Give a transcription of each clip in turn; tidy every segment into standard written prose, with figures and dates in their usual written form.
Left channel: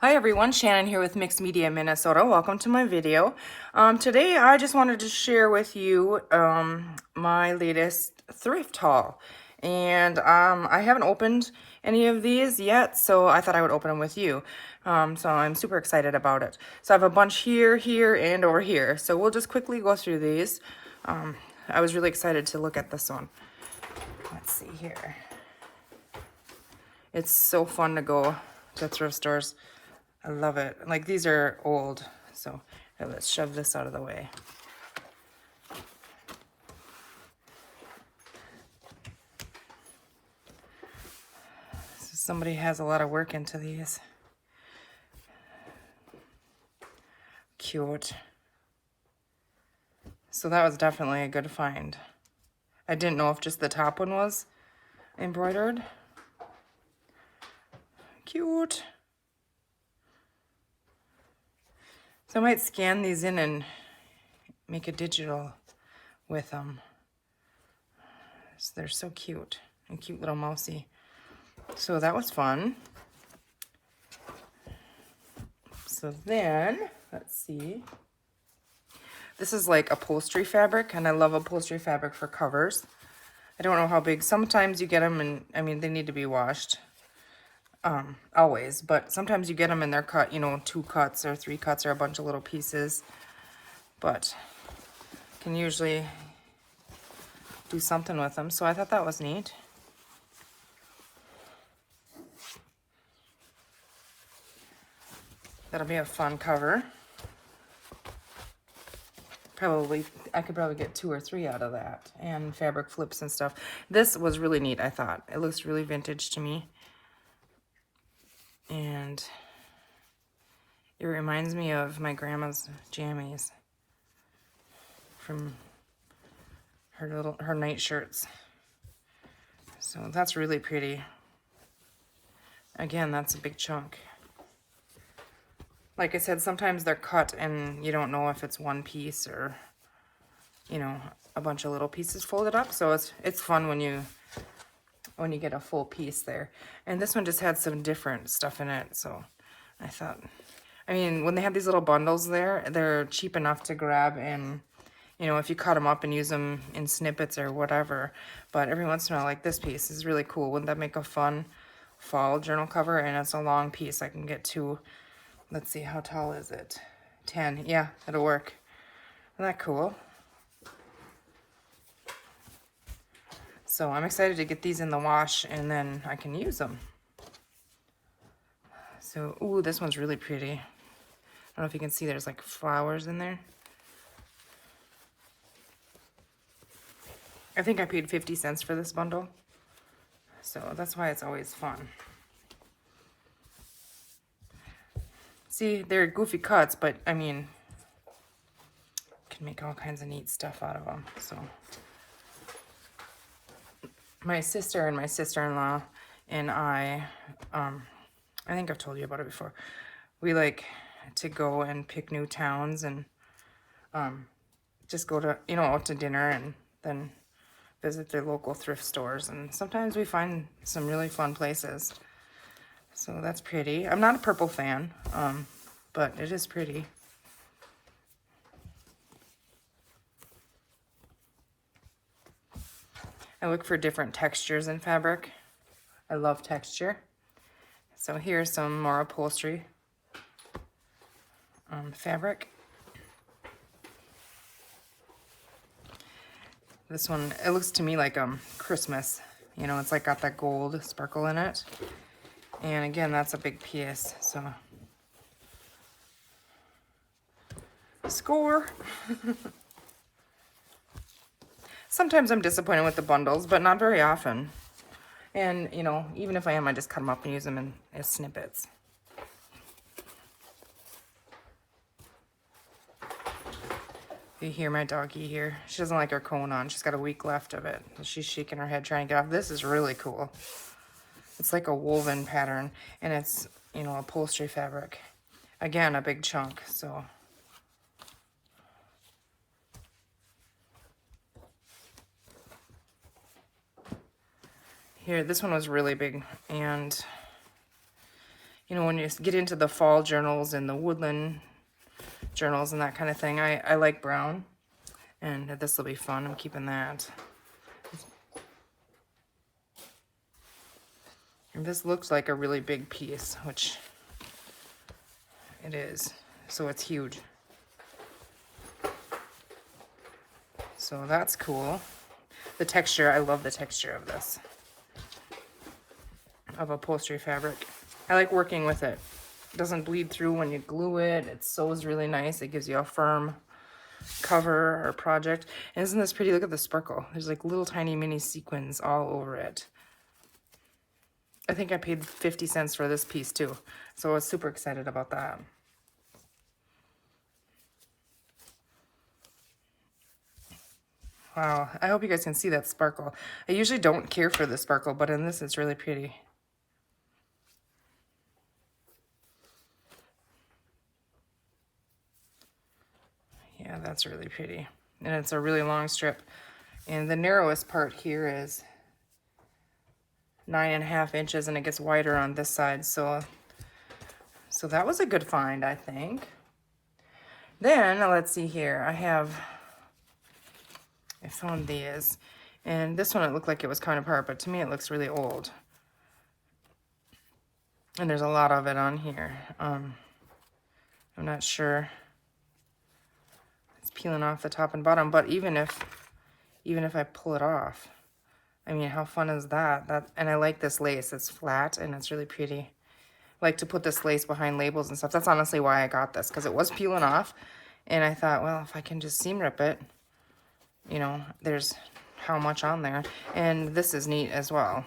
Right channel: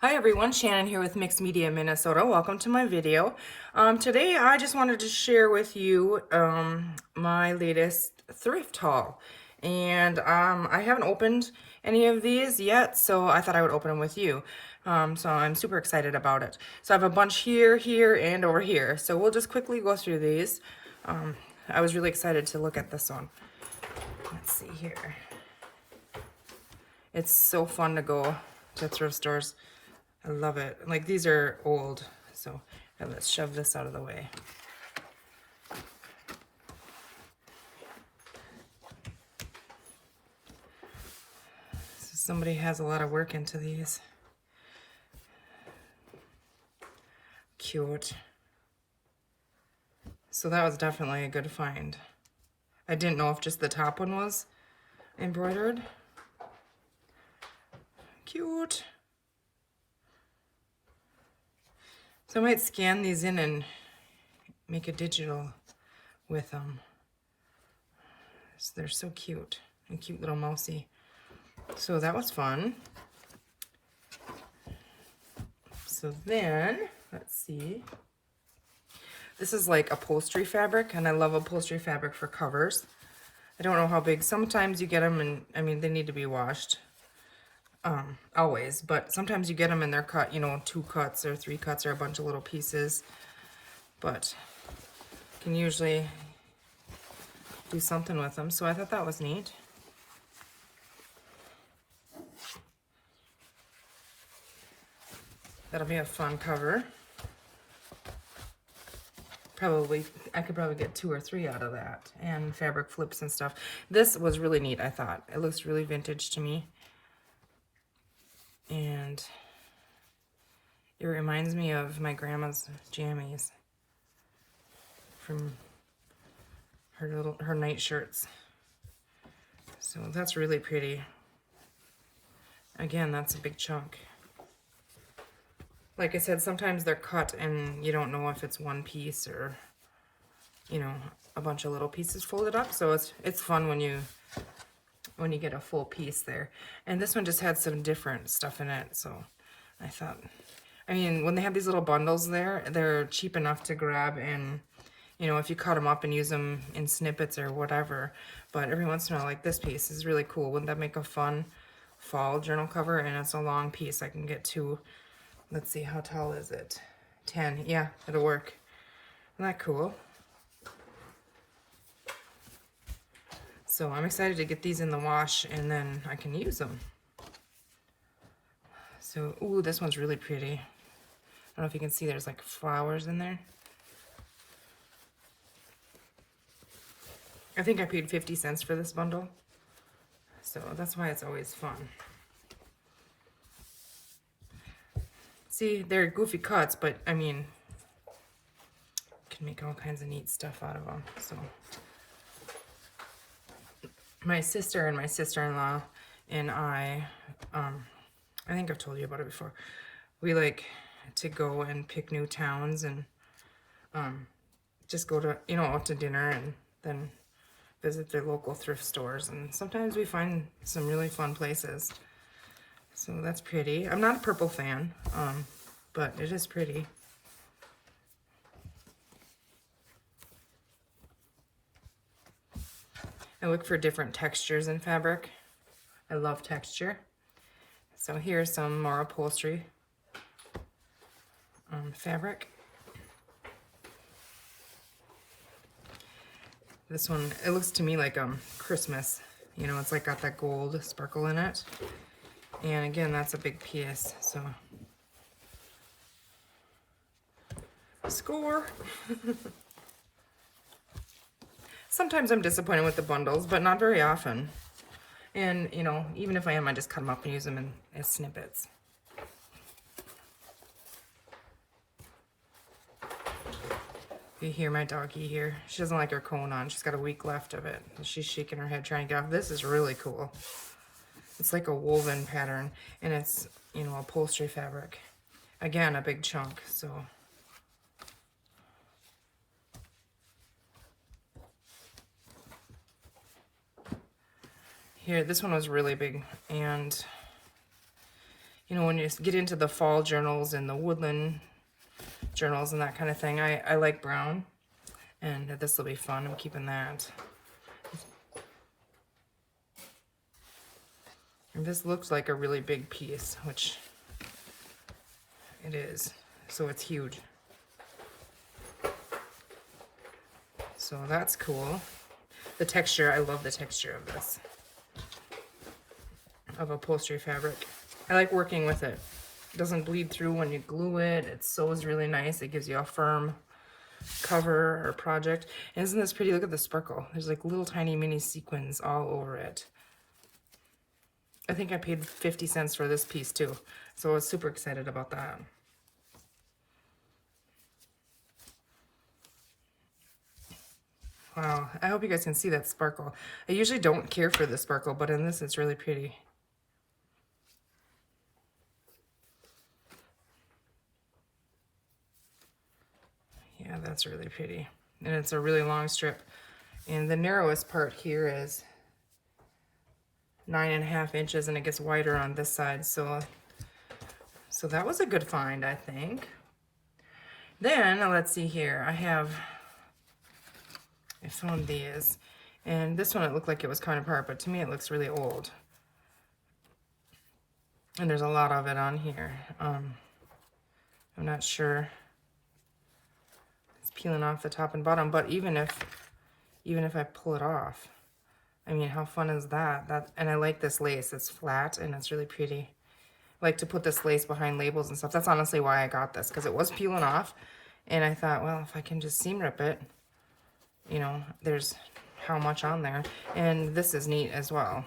Hi everyone, Shannon here with Mixed Media Minnesota. Welcome to my video. Today I just wanted to share with you my latest thrift haul. And I haven't opened any of these yet, so I thought I would open them with you. So I'm super excited about it. So I have a bunch here, here, and over here. So we'll just quickly go through these. I was really excited to look at this one. Let's see here. It's so fun to go to thrift stores. I love it. Like, these are old, so let's shove this out of the way. So somebody has a lot of work into these. Cute. So that was definitely a good find. I didn't know if just the top one was embroidered. Cute. So I might scan these in and make a digital with them. So they're so cute. And cute little mousy. So that was fun. So then, let's see. This is like upholstery fabric, and I love upholstery fabric for covers. I don't know how big. Sometimes you get them, and I mean, they need to be washed. Always, but sometimes you get them and they're cut, you know, 2 cuts or 3 cuts or a bunch of little pieces. But you can usually do something with them, so I thought that was neat. That'll be a fun cover. I could probably get 2 or 3 out of that, and fabric flips and stuff. This was really neat, I thought. It looks really vintage to me. And it reminds me of my grandma's jammies from her night shirts. So that's really pretty. Again, that's a big chunk. Like I said, sometimes they're cut and you don't know if it's one piece or, you know, a bunch of little pieces folded up. So it's fun when you get a full piece there. And this one just had some different stuff in it, so I thought, I mean, when they have these little bundles there, they're cheap enough to grab, and, you know, if you cut them up and use them in snippets or whatever. But every once in a while, like this piece is really cool. Wouldn't that make a fun fall journal cover? And it's a long piece. I can get 2. Let's see, how tall is it? 10. Yeah, it'll work. Isn't that cool? So I'm excited to get these in the wash, and then I can use them. So, ooh, this one's really pretty. I don't know if you can see, there's like flowers in there. I think I paid 50 cents for this bundle. So that's why it's always fun. See, they're goofy cuts, but I mean, you can make all kinds of neat stuff out of them. So my sister and my sister-in-law and I think I've told you about it before. We like to go and pick new towns and just go to, you know, out to dinner and then visit the local thrift stores. And sometimes we find some really fun places. So that's pretty. I'm not a purple fan, but it is pretty. I look for different textures in fabric. I love texture. So here's some more upholstery fabric. This one, it looks to me like Christmas. You know, it's like got that gold sparkle in it. And again, that's a big piece, so. Score! Sometimes I'm disappointed with the bundles, but not very often. And, you know, even if I am, I just cut them up and use them as snippets. You hear my doggy here. She doesn't like her cone on. She's got a week left of it. She's shaking her head trying to get off. This is really cool. It's like a woven pattern, and it's, you know, upholstery fabric. Again, a big chunk, so. Here, this one was really big, and you know, when you get into the fall journals and the woodland journals and that kind of thing, I like brown. And this will be fun. I'm keeping that. And this looks like a really big piece, which it is. So it's huge. So that's cool. The texture, I love the texture of this, of upholstery fabric. I like working with it. It doesn't bleed through when you glue it. It sews really nice. It gives you a firm cover or project. And isn't this pretty? Look at the sparkle. There's like little tiny mini sequins all over it. I think I paid 50 cents for this piece too. So I was super excited about that. Wow, I hope you guys can see that sparkle. I usually don't care for the sparkle, but in this it's really pretty. Yeah, that's really pretty. And it's a really long strip. And the narrowest part here is 9.5 inches, and it gets wider on this side. So that was a good find, I think. Then let's see here. I found these, and this one it looked like it was kind of apart, but to me it looks really old. And there's a lot of it on here. I'm not sure. It's peeling off the top and bottom, but even if I pull it off, I mean, how fun is that? And I like this lace. It's flat and it's really pretty. I like to put this lace behind labels and stuff. That's honestly why I got this, because it was peeling off. And I thought, well, if I can just seam rip it, you know, there's how much on there. And this is neat as well.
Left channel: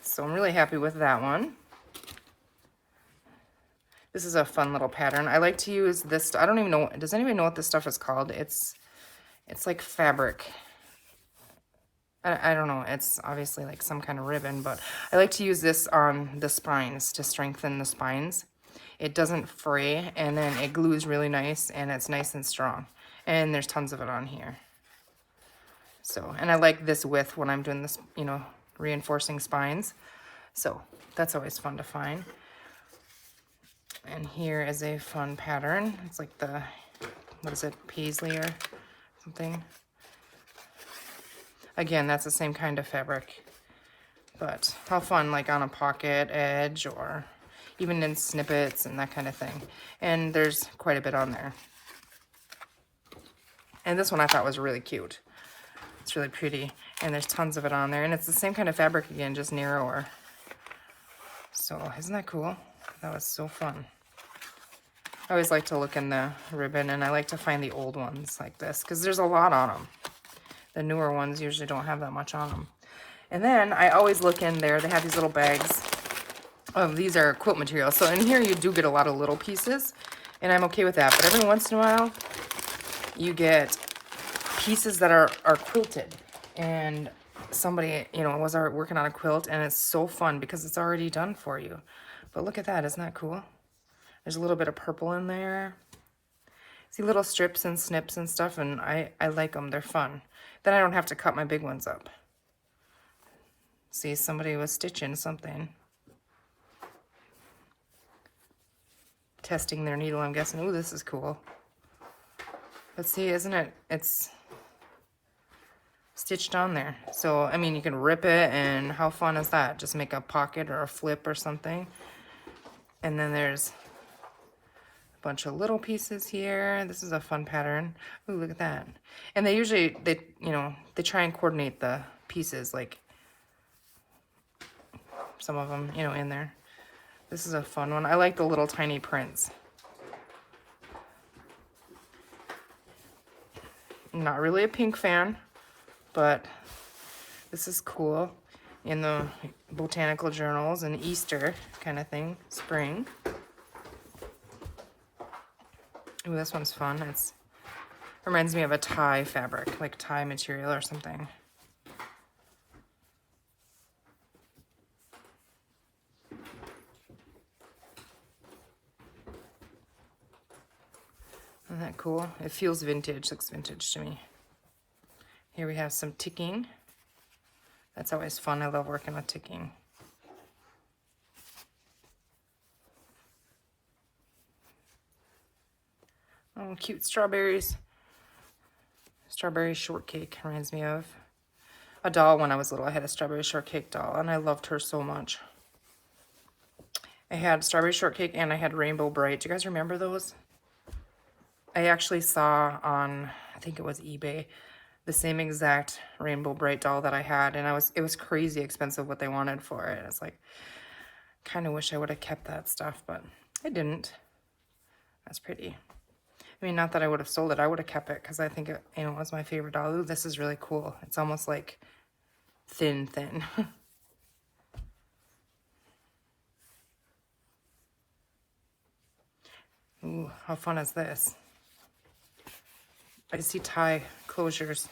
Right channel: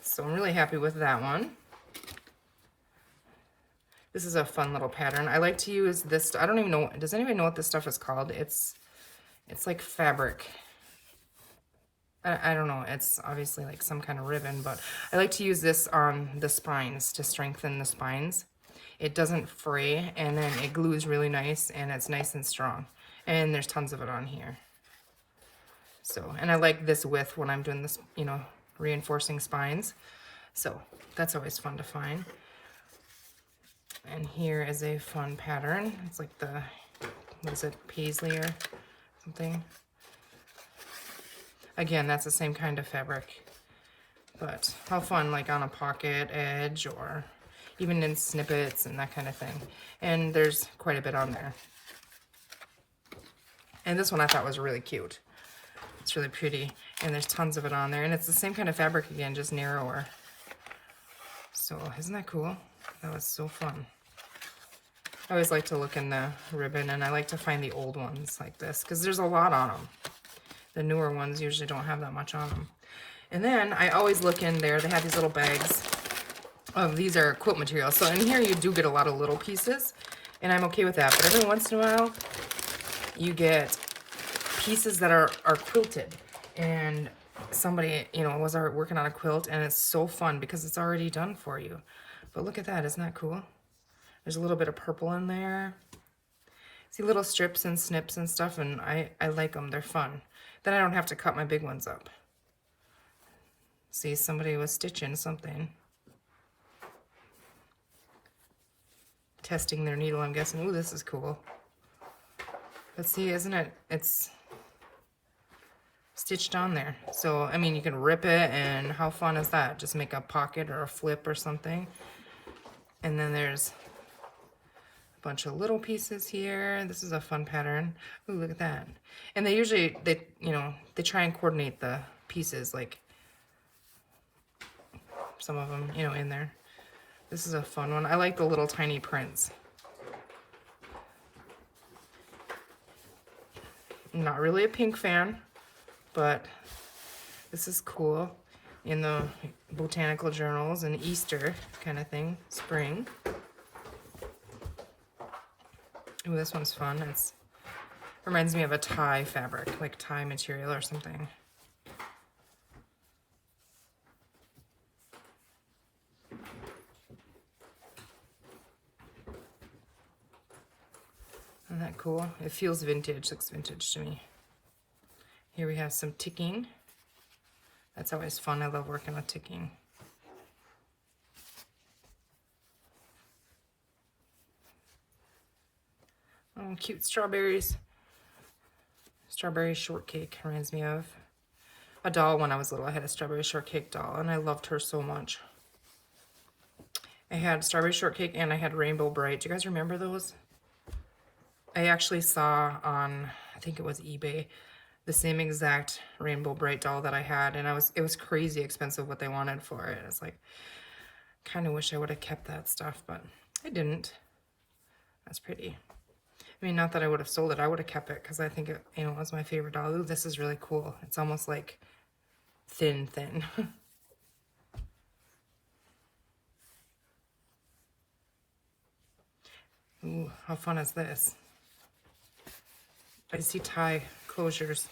So I'm really happy with that one. This is a fun little pattern. I like to use this. I don't even know. Does anybody know what this stuff is called? It's like fabric. I don't know, it's obviously like some kind of ribbon, but I like to use this on the spines to strengthen the spines. It doesn't fray, and then it glues really nice, and it's nice and strong. And there's tons of it on here. So, and I like this width when I'm doing this, you know, reinforcing spines. So that's always fun to find. And here is a fun pattern. It's like the, what is it, paisley or something. Again, that's the same kind of fabric, but how fun, like on a pocket edge or even in snippets and that kind of thing. And there's quite a bit on there. And this one I thought was really cute. It's really pretty, and there's tons of it on there. And it's the same kind of fabric again, just narrower. So isn't that cool? That was so fun. I always like to look in the ribbon, and I like to find the old ones like this, because there's a lot on them. The newer ones usually don't have that much on them. And then I always look in there. They have these little bags of, these are quilt materials. So in here you do get a lot of little pieces, and I'm okay with that. But every once in a while, you get pieces that are quilted. And somebody, you know, was working on a quilt, and it's so fun because it's already done for you. But look at that. Isn't that cool? There's a little bit of purple in there. See little strips and snips and stuff, and I like them. They're fun. Then I don't have to cut my big ones up. See, somebody was stitching something. Testing their needle, I'm guessing. Ooh, this is cool. But see, isn't it? It's stitched on there. So, I mean, you can rip it, and how fun is that? Just make a pocket or a flip or something. And then there's a bunch of little pieces here. This is a fun pattern. Ooh, look at that. And they usually, you know, they try and coordinate the pieces, like some of them, you know, in there. This is a fun one. I like the little tiny prints. I'm not really a pink fan, but this is cool. In the botanical journals and Easter kind of thing, spring. Ooh, this one's fun. It reminds me of a tie fabric, like tie material or something. Isn't that cool? It feels vintage, looks vintage to me. Here we have some ticking. That's always fun. I love working with ticking. Oh, cute strawberries. Strawberry shortcake reminds me of a doll when I was little. I had a strawberry shortcake doll, and I loved her so much. I had strawberry shortcake and I had Rainbow Bright. Do you guys remember those? I actually saw on, I think it was eBay, the same exact Rainbow Bright doll that I had, and it was crazy expensive what they wanted for it. It's like, kind of wish I would have kept that stuff, but I didn't. That's pretty. I mean, not that I would have sold it. I would have kept it because I think it, it was my favorite doll. Ooh, this is really cool. It's almost like thin. Ooh, how fun is this? I see tie closures.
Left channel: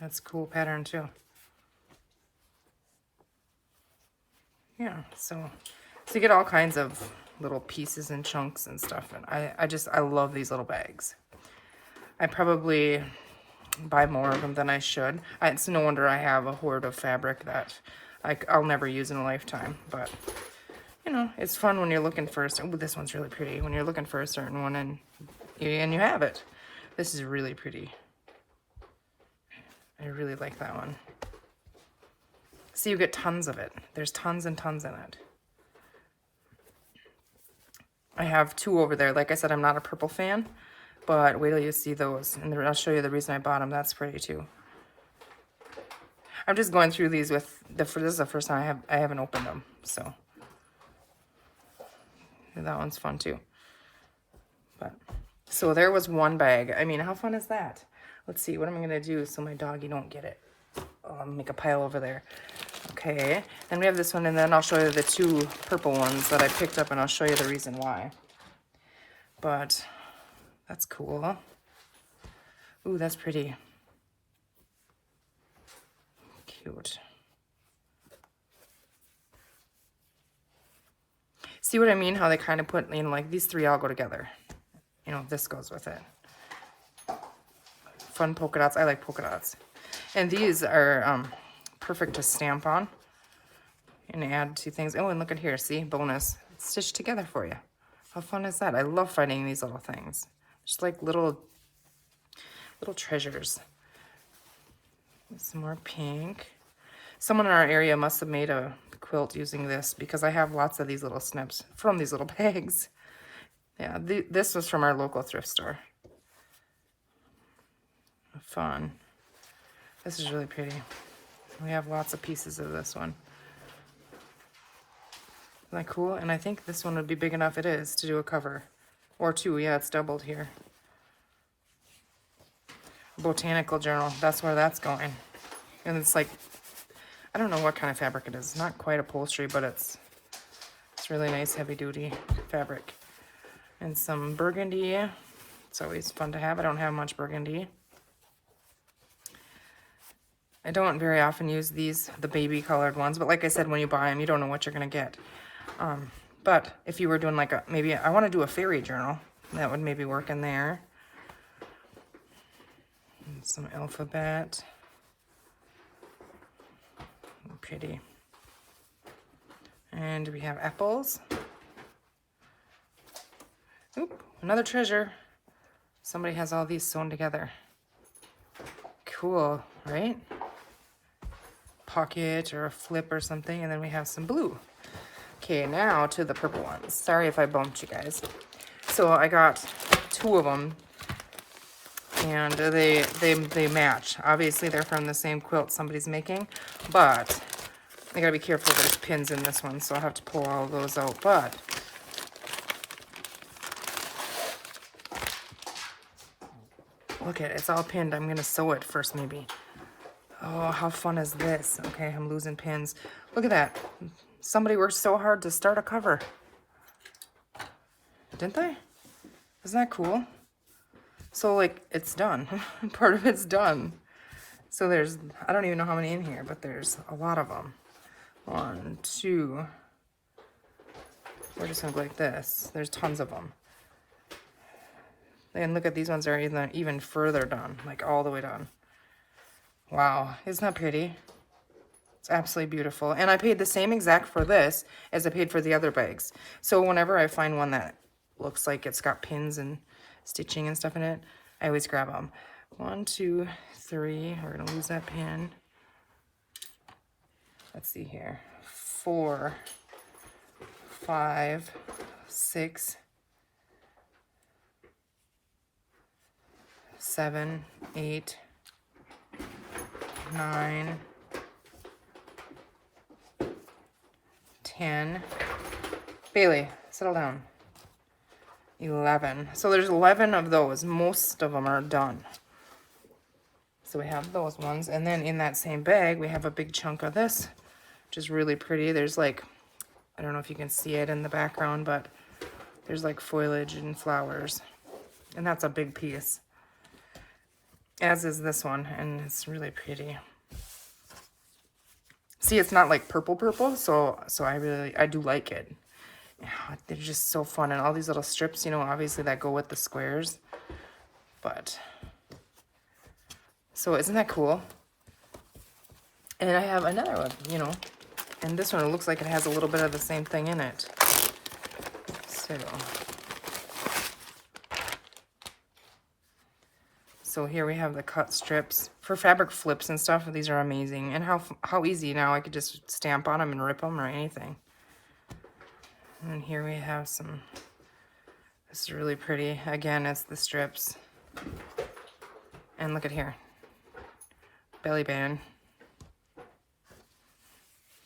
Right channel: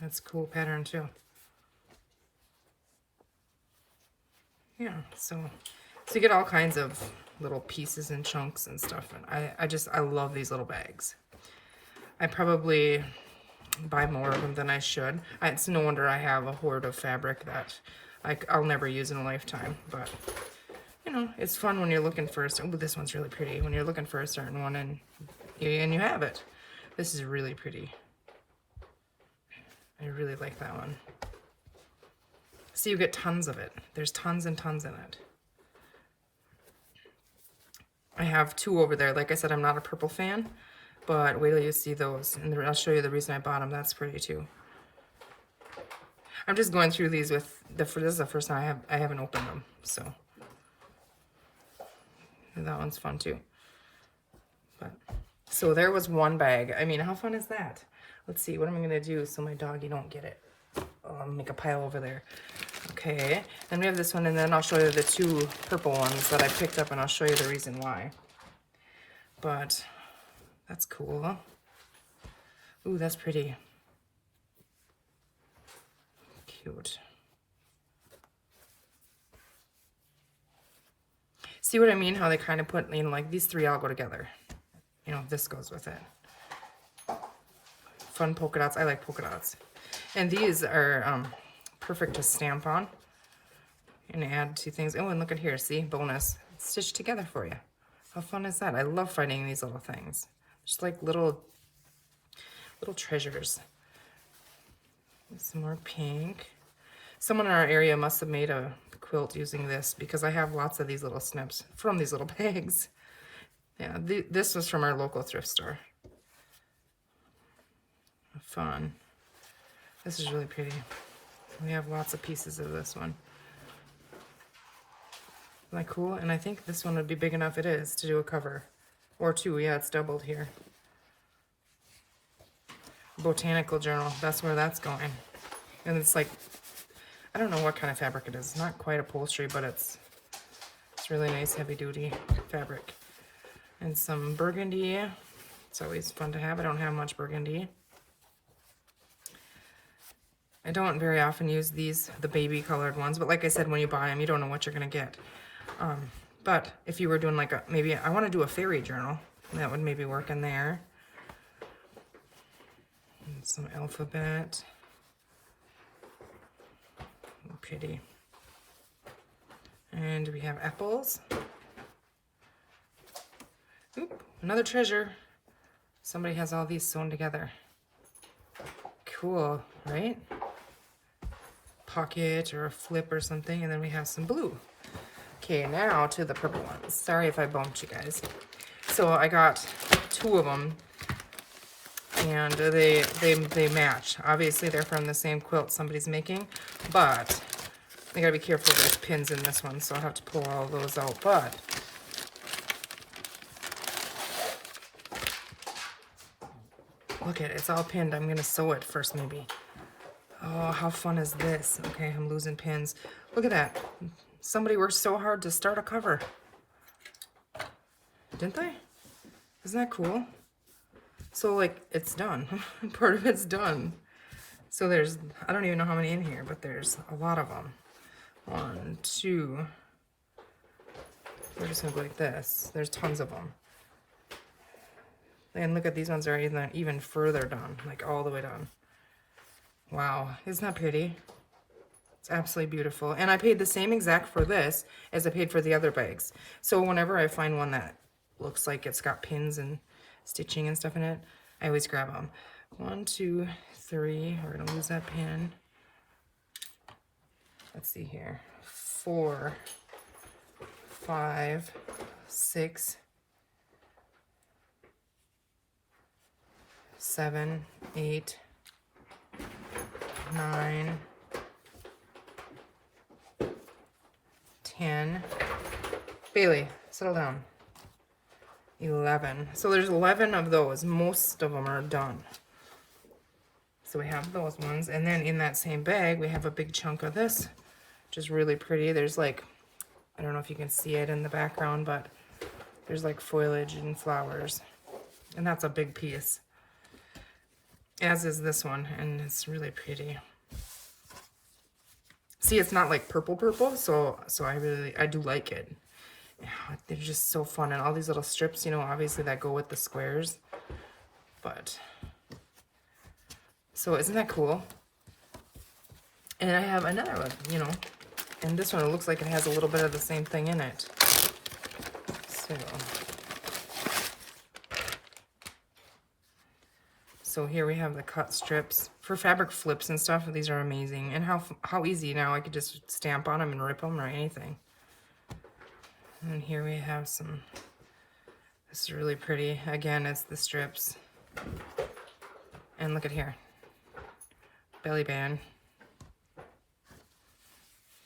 That's a cool pattern too. Yeah, so you get all kinds of little pieces and chunks and stuff, and I love these little bags. I probably buy more of them than I should. It's no wonder I have a hoard of fabric that I'll never use in a lifetime, but you know, it's fun when you're looking for oh, this one's really pretty. When you're looking for a certain one and you have it. This is really pretty. I really like that one. See, you get tons of it. There's tons and tons in it. I have 2 over there. Like I said, I'm not a purple fan, but wait till you see those. And I'll show you the reason I bought them. That's pretty too. I'm just going through these with this is the first time I haven't opened them, so that one's fun too. But so there was one bag. I mean, how fun is that? Let's see, what am I gonna do so my doggy don't get it? I'll make a pile over there. Okay, and we have this one, and then I'll show you the 2 purple ones that I picked up, and I'll show you the reason why. But that's cool. Ooh, that's pretty. Cute. See what I mean? How they kind of put, you know, like these 3 all go together. You know, this goes with it. Fun polka dots. I like polka dots. And these are perfect to stamp on and add to things. Oh, and look at here. See? Bonus. It's stitched together for you. How fun is that? I love finding these little things. Just like little treasures. Some more pink. Someone in our area must have made a quilt using this because I have lots of these little snips from these little bags. Yeah, this was from our local thrift store. Fun. This is really pretty. We have lots of pieces of this one. Isn't that cool? And I think this one would be big enough, it is, to do a cover. Or 2, yeah, it's doubled here. Botanical journal, that's where that's going. And it's like, I don't know what kind of fabric it is. It's not quite upholstery, but it's really nice, heavy-duty fabric. And some burgundy. It's always fun to have. I don't have much burgundy. I don't very often use these, the baby colored ones, but like I said, when you buy them, you don't know what you're going to get. But if you were doing like maybe I want to do a fairy journal, that would maybe work in there. And some alphabet. Pretty. And we have apples. Oop, another treasure. Somebody has all these sewn together. Cool, right? Pocket or a flip or something, and then we have some blue. Okay, now to the purple ones. Sorry if I bumped you guys. So I got 2 of them, and they match. Obviously, they're from the same quilt somebody's making, but I gotta be careful. There's pins in this one, so I'll have to pull all those out. But look at it, it's all pinned. I'm gonna sew it first, maybe. Oh, how fun is this? Okay, I'm losing pins. Look at that. Somebody worked so hard to start a cover. Didn't they? Isn't that cool? So, like, it's done. Part of it's done. So there's, I don't even know how many in here, but there's a lot of them. 1, 2. We're just gonna go like this. There's tons of them. And look at these ones are even further done, like all the way done. Wow, isn't that pretty? It's absolutely beautiful. And I paid the same exact for this as I paid for the other bags. So whenever I find one that looks like it's got pins and stitching and stuff in it, I always grab them. 1, 2, 3, we're gonna lose that pin. Let's see here, 4, 5, 6, 7, 8, 9, 10. Bailey, settle down. 11. So there's 11 of those. Most of them are done. So we have those ones. And then in that same bag, we have a big chunk of this, which is really pretty. There's like, I don't know if you can see it in the background, but there's like foliage and flowers. And that's a big piece. As is this one, and it's really pretty. See, it's not like purple, so I do like it. Yeah, they're just so fun, and all these little strips, you know, obviously that go with the squares. But so isn't that cool? And I have another one, you know, and this one, it looks like it has a little bit of the same thing in it. So here we have the cut strips for fabric flips and stuff. These are amazing, and how easy now. I could just stamp on them and rip them or anything. And here we have some. This is really pretty. Again, it's the strips. And look at here, belly band.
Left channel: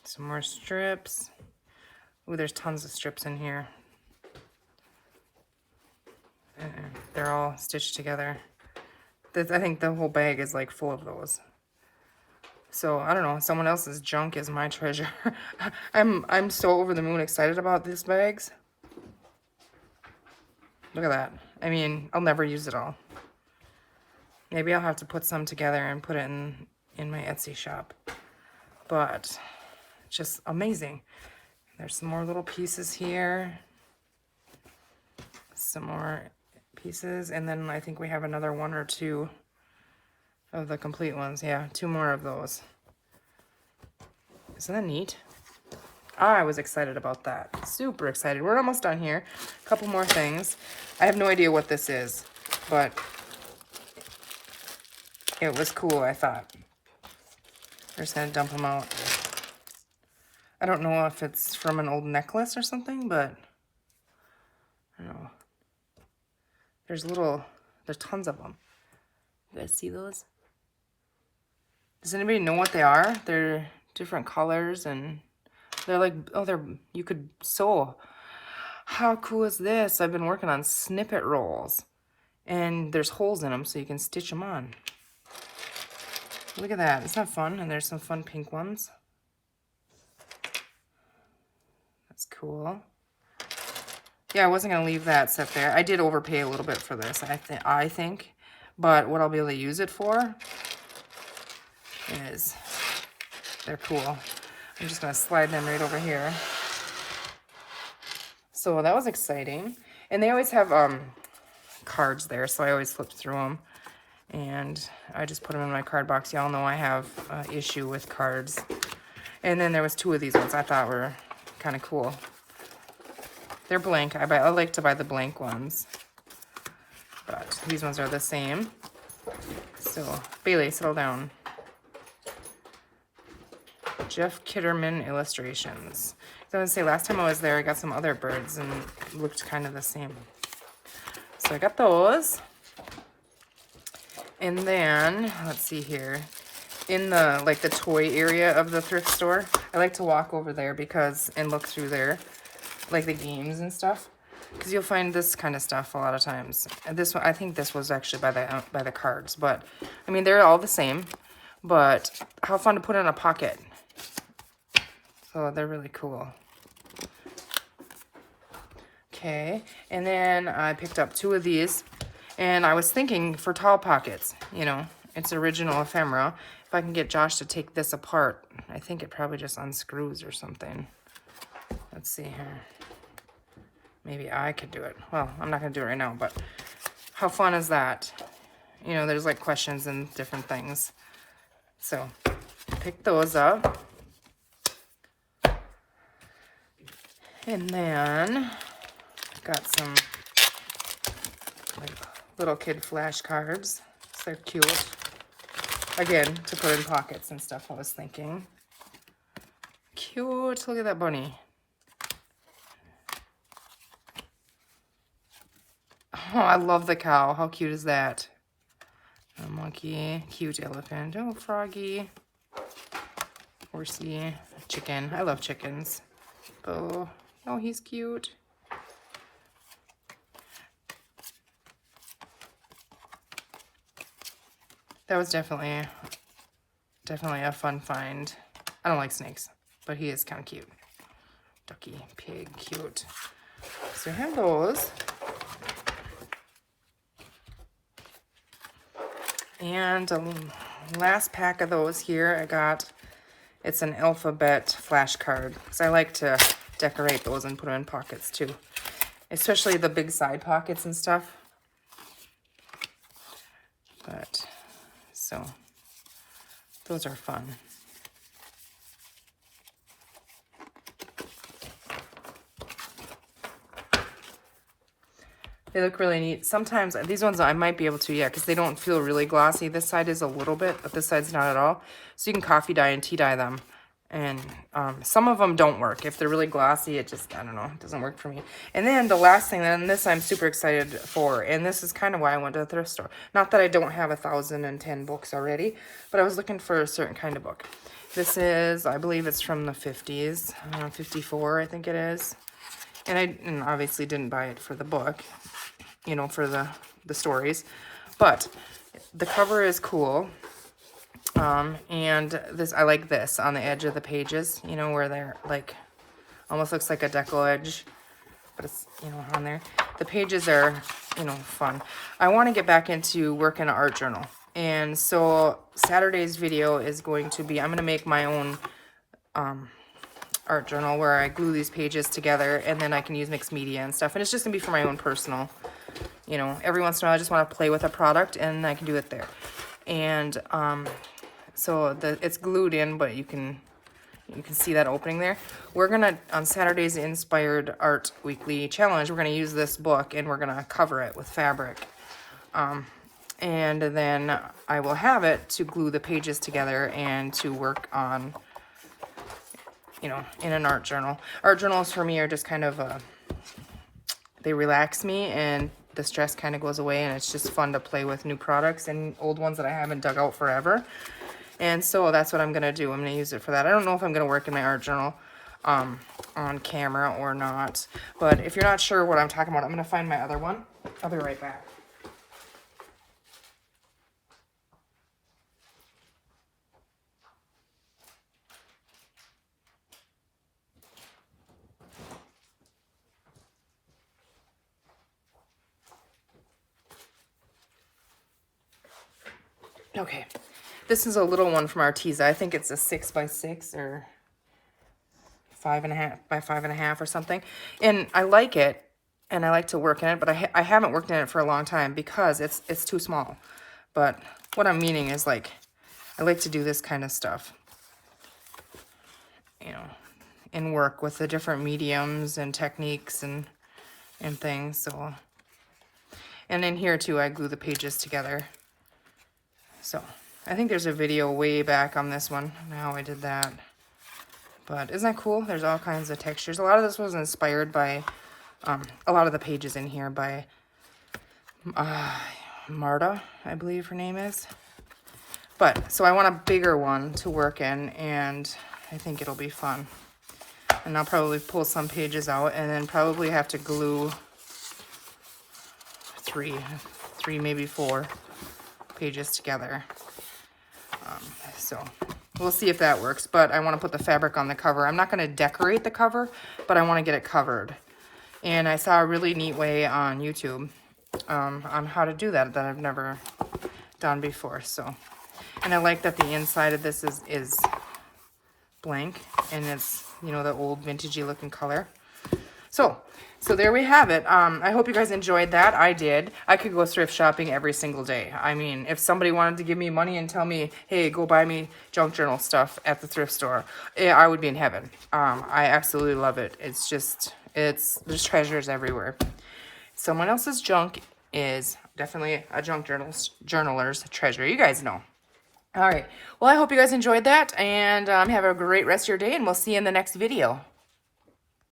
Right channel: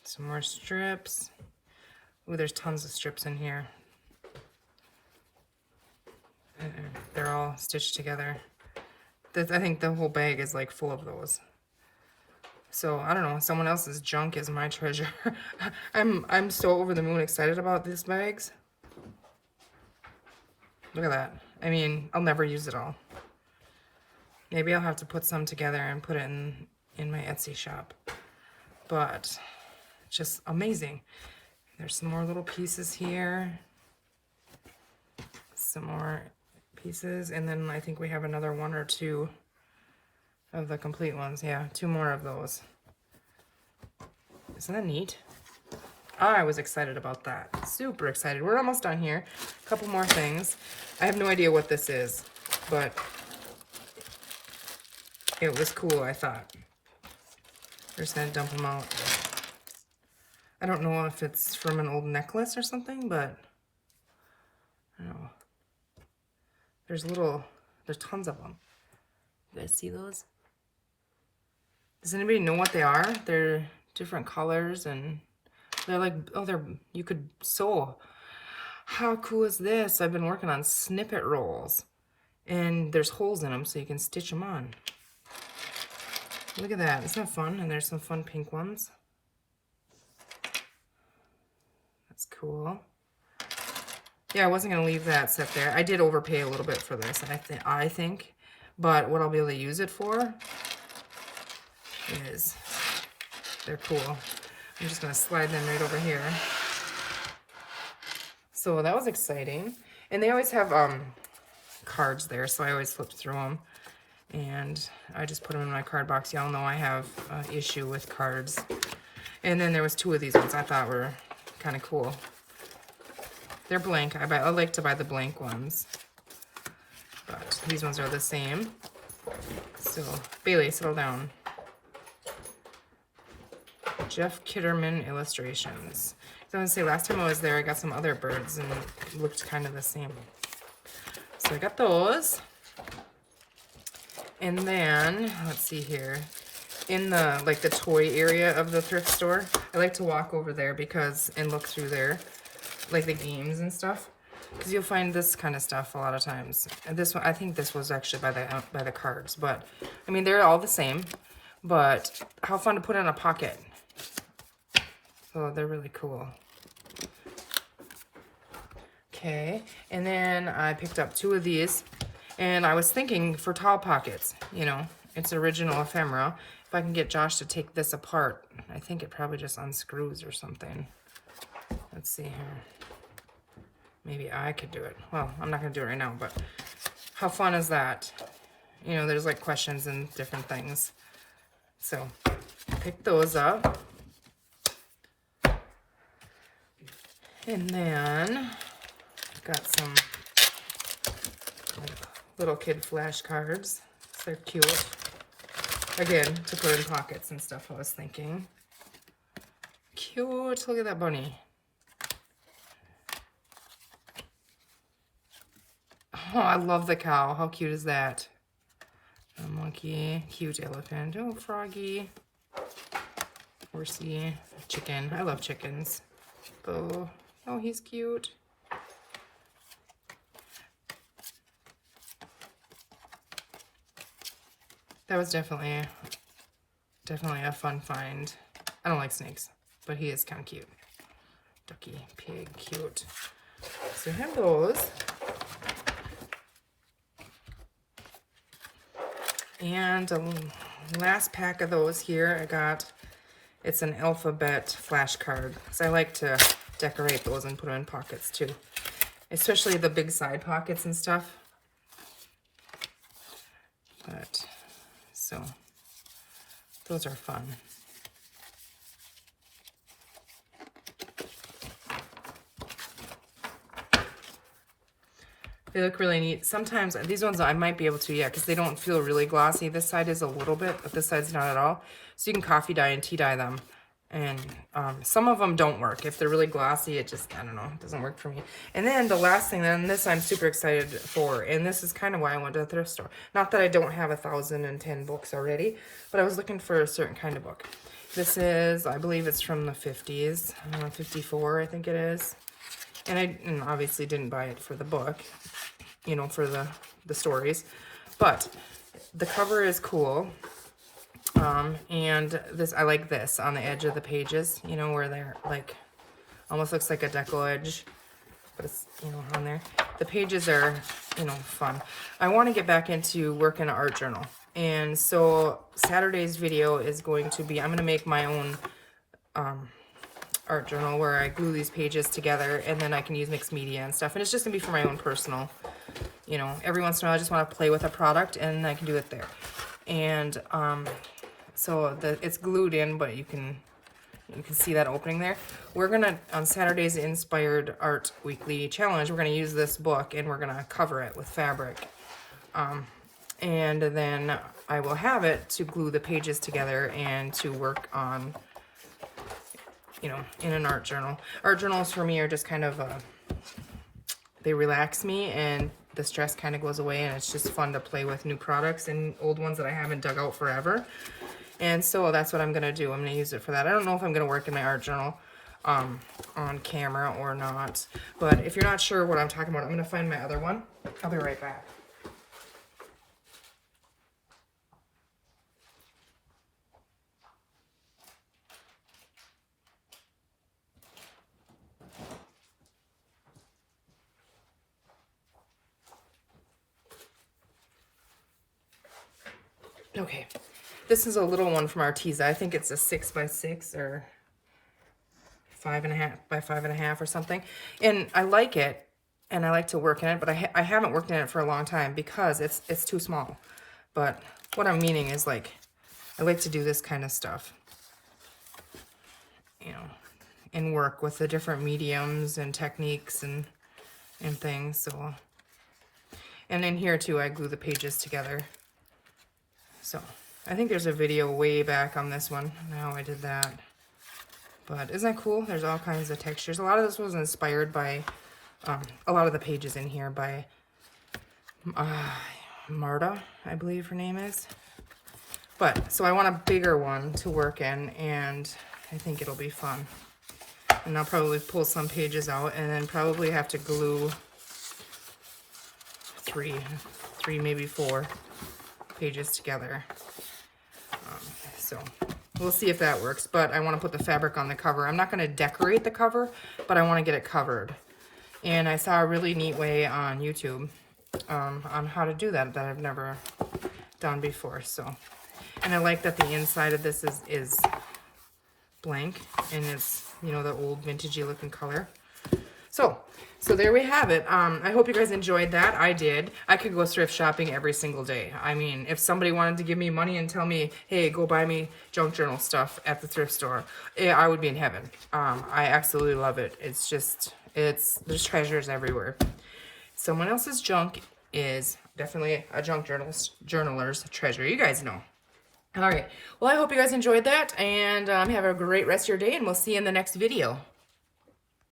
Some more strips. Ooh, there's tons of strips in here. And they're all stitched together. I think the whole bag is like full of those. So I don't know, someone else's junk is my treasure. I'm so over the moon excited about these bags. Look at that. I mean, I'll never use it all. Maybe I'll have to put some together and put it in my Etsy shop. But just amazing. There's some more little pieces here. Some more pieces, and then I think we have another 1 or 2 of the complete ones. Yeah, 2 more of those. Isn't that neat? I was excited about that. Super excited. We're almost done here. A couple more things. I have no idea what this is, but it was cool, I thought. I'm just gonna dump them out. I don't know if it's from an old necklace or something, but I don't know. There's tons of them. You guys see those? Does anybody know what they are? They're different colors, and they're like, you could sew. How cool is this? I've been working on snippet rolls, and there's holes in them so you can stitch them on. Look at that. Isn't that fun? And there's some fun pink ones. That's cool. Yeah, I wasn't going to leave that set there. I did overpay a little bit for this, I think. But what I'll be able to use it for is, they're cool. I'm just going to slide them right over here. So that was exciting. And they always have cards there, so I always flip through them. And I just put them in my card box. Y'all know I have an issue with cards. And then there was 2 of these ones I thought were kind of cool. They're blank. I like to buy the blank ones. But these ones are the same. So, Bailey, settle down. Jeff Kitterman illustrations. So I was gonna say, last time I was there, I got some other birds and it looked kind of the same. So I got those. And then, let's see here. In the, like, the toy area of the thrift store, I like to walk over there and look through there. Like the games and stuff, because you'll find this kind of stuff a lot of times. And this one, I think this was actually by the cards, but I mean they're all the same. But how fun to put in a pocket. So they're really cool. Okay, and then I picked up 2 of these, and I was thinking for tall pockets. You know, it's original ephemera. If I can get Josh to take this apart, I think it probably just unscrews or something. Let's see here. Maybe I could do it. Well, I'm not going to do it right now, but how fun is that? You know, there's like questions and different things. So, pick those up. And then, got some little kid flashcards. They're cute. Again, to put in pockets and stuff, I was thinking. Cute. Look at that bunny. Oh, I love the cow. How cute is that? A monkey. Cute elephant. Oh, froggy. Horsey. Chicken. I love chickens. Oh, he's cute. That was definitely a fun find. I don't like snakes, but he is kind of cute. Ducky, pig, cute. So here goes. And the last pack of those here, I got, it's an alphabet flashcard. Because I like to decorate those and put them in pockets too. Especially the big side pockets and stuff. But, so, those are fun. They look really neat. Sometimes, these ones I might be able to, yeah, because they don't feel really glossy. This side is a little bit, but this side's not at all. So you can coffee dye and tea dye them. And some of them don't work. If they're really glossy, it just, I don't know, it doesn't work for me. And then the last thing, and this I'm super excited for, and this is kind of why I went to the thrift store. Not that I don't have 1,010 books already, but I was looking for a certain kind of book. This is, I believe it's from the 50s, 54, I think it is. And I obviously didn't buy it for the book, you know, for the stories. But the cover is cool. And this, I like this on the edge of the pages, you know, where they're like, almost looks like a decal edge, but it's, you know, on there. The pages are, you know, fun. I want to get back into working an art journal. And so Saturday's video is going to be, I'm going to make my own, art journal where I glue these pages together and then I can use mixed media and stuff. And it's just gonna be for my own personal, you know, every once in a while I just want to play with a product and I can do it there. And so it's glued in, but you can see that opening there. We're gonna, on Saturday's Inspired Art Weekly Challenge, we're gonna use this book and we're gonna cover it with fabric. And then I will have it to glue the pages together and to work on, you know, in an art journal. Art journals for me are just kind of, they relax me and the stress kind of goes away and it's just fun to play with new products and old ones that I haven't dug out forever. And so that's what I'm going to do. I'm going to use it for that. I don't know if I'm going to work in my art journal on camera or not. But if you're not sure what I'm talking about, I'm going to find my other one. I'll be right back. Okay, this is a little one from Arteza. I think it's a 6x6 or 5.5 by 5.5 or something. And I like it, and I like to work in it, but I haven't worked in it for a long time because it's too small. But what I'm meaning is, like, I like to do this kind of stuff, you know, and work with the different mediums and techniques and things. So, and in here too, I glue the pages together. So I think there's a video way back on this one, how I did that. But isn't that cool? There's all kinds of textures. A lot of this was inspired by, a lot of the pages in here by Marta, I believe her name is. But, so I want a bigger one to work in, and I think it'll be fun. And I'll probably pull some pages out, and then probably have to glue three, maybe 4 pages together. So we'll see if that works, but I want to put the fabric on the cover. I'm not going to decorate the cover, but I want to get it covered. And I saw a really neat way on YouTube on how to do that I've never done before. So, and I like that the inside of this is blank, and it's, you know, the old vintagey looking color. So there we have it. I hope you guys enjoyed that. I did. I could go thrift shopping every single day. I mean, if somebody wanted to give me money and tell me, hey, go buy me junk journal stuff at the thrift store, I would be in heaven. I absolutely love it. It's just, there's treasures everywhere. Someone else's junk is definitely a junk journaler's treasure. You guys know. All right. Well, I hope you guys enjoyed that, and have a great rest of your day, and we'll see you in the next video.